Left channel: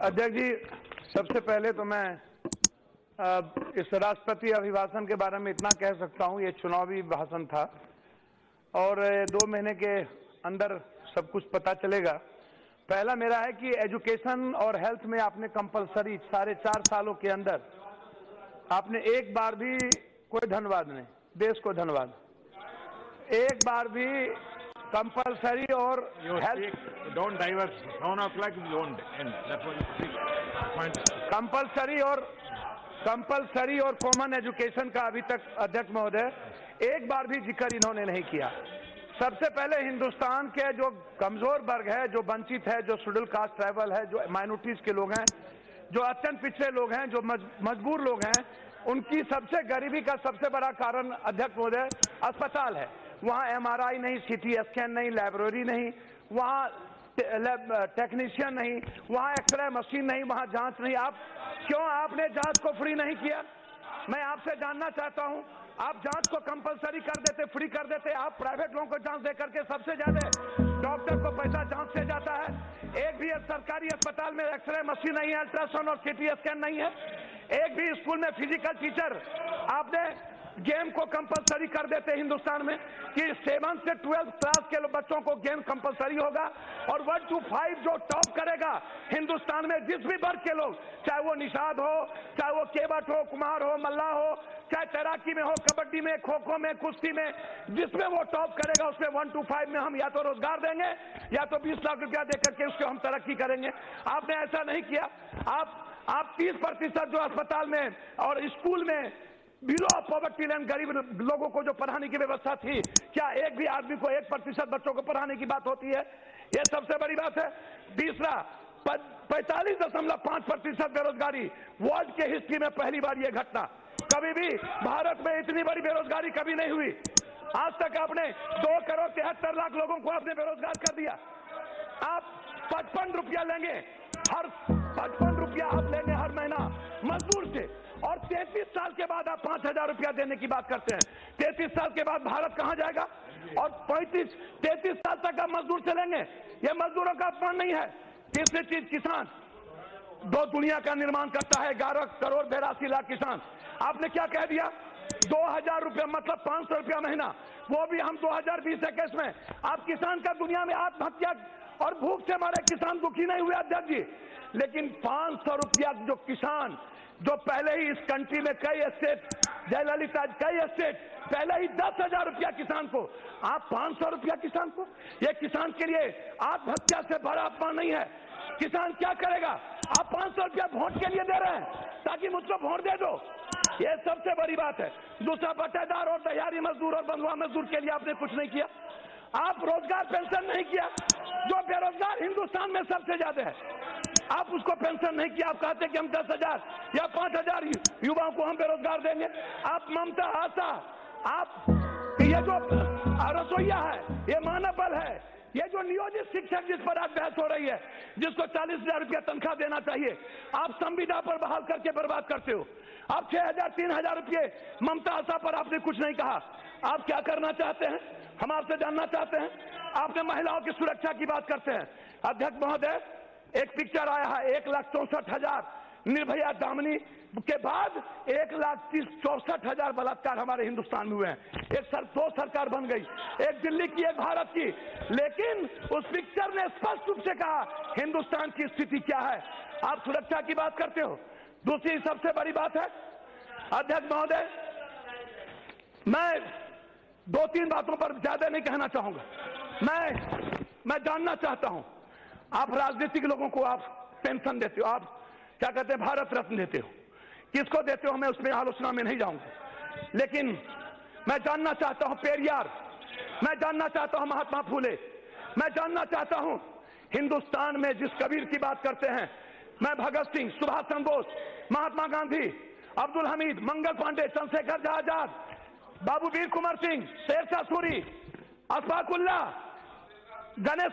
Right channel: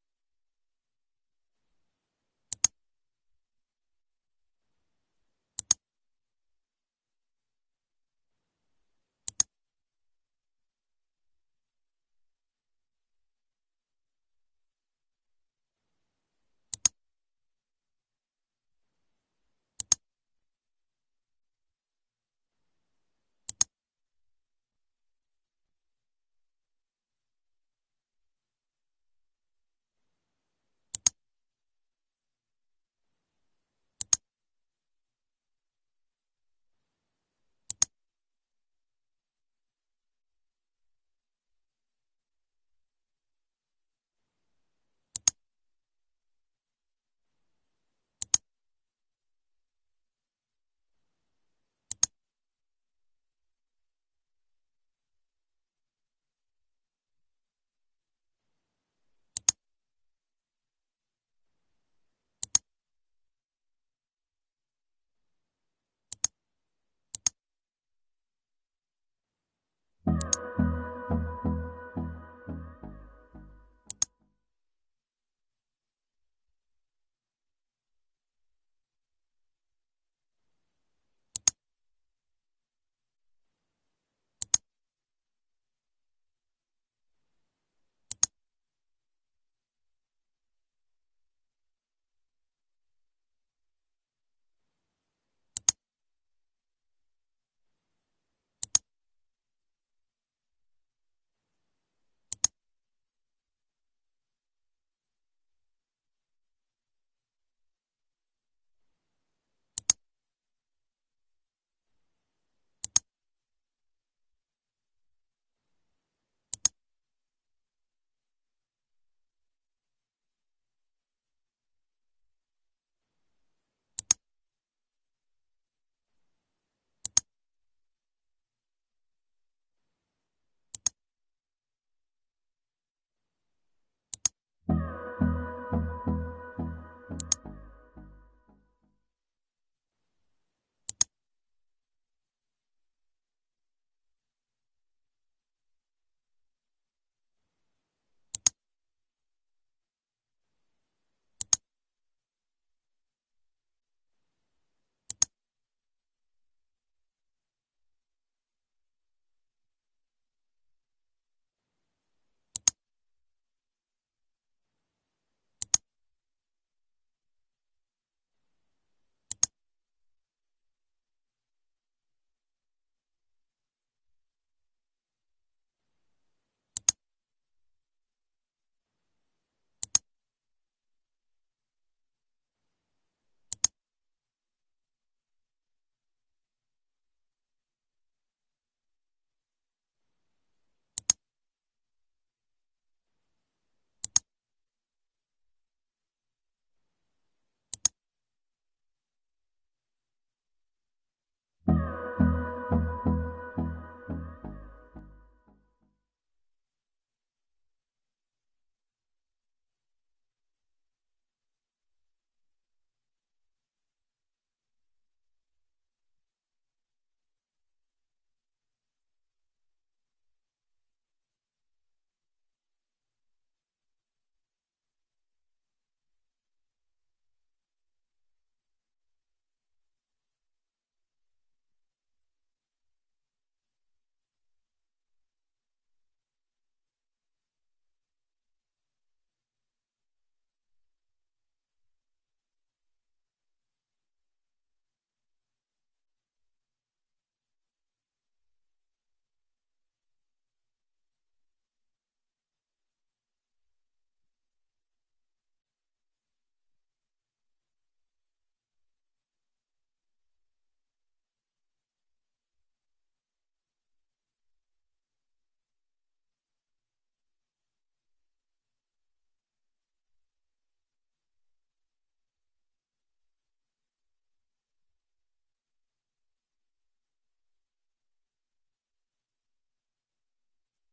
अध्यक्ष जी, सबसे पहले तो मैं इस राष्ट्रपति अभिभाषण के बारे में इतना कह सकता हूं, ये चुनावी भाषण था और 2 महीने के अंदर सब कुछ पता चलेगा। पहला मेरा है कि एजुकेशन और हेल्थ में आपने कंपलसरी 4.5 सालों के अंदर आपने एक बार भी कोई धन्यवाद नहीं, देश को धन्यवाद, एक बार भी कंपलसरी और health don't diverse 7 o'clock won't end. That's what compulsory और कॉमन एजुकेशन का अभी तक अध्यक्ष महोदय एक बार भी जिक्र इन्होंने नहीं किया। सबसे पहले हिंदुस्तान के जो कमजोर वर्ग है, जो वंचित है, जो शेड्यूल कास्ट ट्राइबल है, जो माइनॉरिटीज के लोग हैं, जो अत्यंत पिछड़े लोग हैं, जो मजबूर लोग हैं, उनकी सबसे गरीबी का सबसे बड़ा कारण अध्यक्ष महोदय अस्पताल है। वहाँ MRI नहीं, CT स्कैन नहीं, लाइब्रेरी नहीं, वहाँ टेक्नीशियन नहीं, वहाँ एक्सरे मशीन नहीं, वहाँ जांच नहीं। आप क्यों आपने जांच को फ्री नहीं किया? मैं आपसे जानना चाहता हूँ, आप जांच को कंपलसरी कर देते, फ्री कर देते। आप प्राइवेट लोगों को जांच दे करके सबसे ज्यादा डॉक्टर को पैसा जांच से जाता है। एक भी सरकारी अस्पताल में एक्सरे मशीन नहीं है, अल्ट्रासाउंड और CT स्कैन नहीं है। एक भी स्कूल में फिजिकल टीचर, आपने गेम को कंपलसरी कर देते हिंदुस्तान में कि 7 से 12 क्लास के बच्चों को गेम कंपलसरी होगा और 1 to 5 जो टॉप करेगा हिंदुस्तान में, जिस भी वर्ग के लोग, चाहे वो निषाद हो, चाहे वो केवट हो, कुमार हो, मल्ला हो, चाहे तैराकी में हो, कबड्डी में, खो खो में, कुश्ती में, जिसमें वो टॉप करेगा उसमें 1 to 5 में हम या तो रोजगार देंगे या तो 20 लाख रुपया देकर के उसको हम तरक्की करेंगे। आपने ऐसा नहीं किया। आप 30% जो अस्पताल में और स्कूल में बिलो ऑफ पॉवर्टी लाइन गरीब लोगों को जो पढ़ाने की व्यवस्था थी, क्या एक भी आदमी को 1% बच्चों को पढ़ाने की बात होती है? ये सबसे बड़ी बात है। तीसरा, 45.5% बेरोजगारी, वर्ल्ड के हिस्ट्री में पहली बार ये घटना। कभी भी भारत में इतनी बड़ी बेरोजगारी कभी नहीं हुई। आज तक आपने 2 करोड़ 73 लाख लोगों को आपने बेरोजगार कर दिया। आप 55 रुपया लेंगे, हर 55 रुपया आप लेंगे हर महीना मजदूर से, और 33 साल के बाद आप 5000 रुपया देने की बात करते हैं। 33 साल के बाद भारत कहां जाएगा? और 33 साल तक आप मजदूर चलेंगे? ये मजदूरों का अपमान नहीं है। तीसरी चीज, किसान 2 दुनिया का निर्माण करता है, 11 करोड़ 82 लाख किसान। आपने क्या कह दिया? 2000 रुपया मतलब 500 रुपया महीना, वो भी हम 2020-21 में। आप किसान का दुनिया में आत्महत्या और भूख से मारे किसान दुखी नहीं हुए अध्यक्ष जी, लेकिन 500 रुपया जो किसान, जो पहले ही इस कंट्री में कई स्टेट, जयललिता कई स्टेट पहले ही 10,000 रुपया किसान को, आप 500 रुपया किसान को? ये किसान के लिए आत्महत्या से बड़ा अपमान नहीं है। किसान क्या करेगा? आप 500 रुपया वोट के लिए दे रहे हैं ताकि मुझको वोट दे दो, ये सबसे बड़ी बात है। दूसरा, बटेदार और दहाड़ी मजदूर और बंधुआ मजदूर के लिए आपने कुछ नहीं किया। आप रोजगार पेंशन नहीं किया, जो बेरोजगार हिंदुस्तान में सबसे ज्यादा है, आप उसको पेंशन नहीं किया। आप कहते कि हम 10,000 या 5,000 युवाओं को हम बेरोजगार देंगे। आप ममता, आशा, आप ये जो रसोईया है, ये मानव बल है, ये जो नियोजित शिक्षक जिस पर आज बहस हो रही है, जिसको 40,000 रुपया तनख्वाह देना चाहिए, आप संविदा पर बहाल करके बर्बाद करते हो। आप 6,000 3,000 रुपये ममता, आशा पर आपने कुछ नहीं कहा। आप क्या करना चाहते हैं, हम आपसे जानना चाहते हैं। आपने महिलाओं की सुरक्षा की बात करते हैं। अध्यक्ष महोदय, एक पिक्चर आया है, 1,64,000 निर्भया दामिनी के बाद 1,64,000 बलात्कार हमारे हिंदुस्तान में हुए हैं। 2 सरकार बन गई, एक दिल्ली की, एक भारत की, लेकिन उस पिक्चर ने स्पष्ट रूप से कहा हिंदुस्तान की स्थिति क्या है। आप सुरक्षा की बात करते हो। दूसरी सबसे बड़ी बात है अध्यक्ष महोदय, मैं 2-3 बातों पर ज्यादा नहीं कहना चाहूंगा। मैं जानना चाहता हूं, आप राजनीतिक लोगों को आप पेंशन देते हो, आप क्या कहते हैं, भारत रत्न देते हो, किसको देते हो मैं उसमें आलोचना में नहीं जाऊंगा, लेकिन मैं जानना चाहता हूं पेरियार, मैं जानना चाहता हूं महात्मा फूले, मैं जानना चाहता हूं हिंदुस्तान में जिस कबीर की बात करते हैं, मैं भगत सिंह, सुभाष चंद्र बोस, महात्मा गांधी, अब्दुल हमीद, मंगल पांडे, चंद्रशेखर आजाद, बाबू वीर कुंवर सिंह, शेरशाह सूरी, अशफाक उल्लाह, गणेश